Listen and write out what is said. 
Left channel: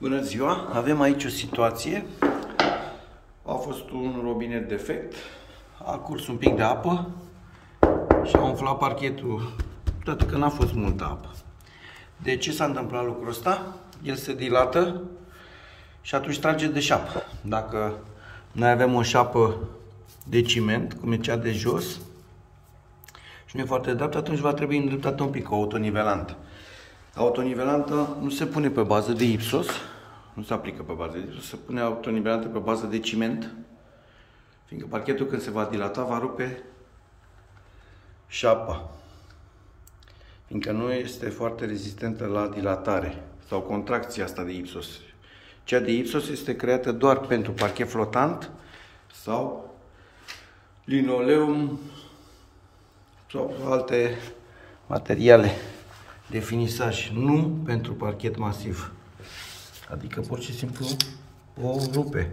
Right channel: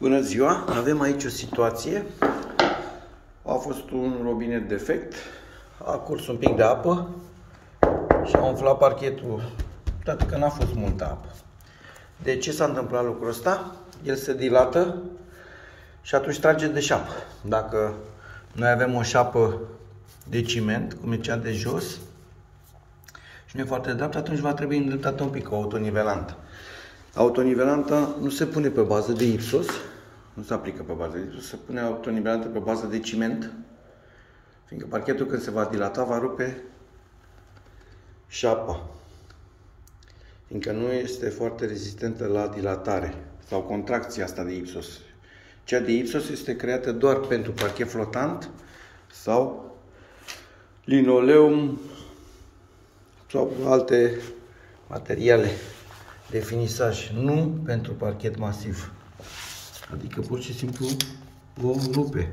Bună ziua! Avem aici o situație. A fost un robinet defect, a curs un pic de apă și a umflat parchetul, toate că n-a fost multă apă. De ce s-a întâmplat lucrul ăsta? El se dilată și atunci trage de șapă. Dacă noi avem o șapă de ciment, cum e cea de jos, și nu e foarte dreaptă, atunci va trebui îndreptată un pic, o autonivelantă. Autonivelantă nu se pune pe bază de ipsos, nu se aplică pe bază de ipsos, se pune autonivelantă pe bază de ciment, fiindcă parchetul când se va dilata va rupe șapa, fiindcă nu este foarte rezistentă la dilatare sau contracția asta de ipsos. Cea de ipsos este creată doar pentru parchet flotant sau linoleum sau alte materiale de finisaj, nu pentru parchet masiv. Adică pur și simplu o rupe.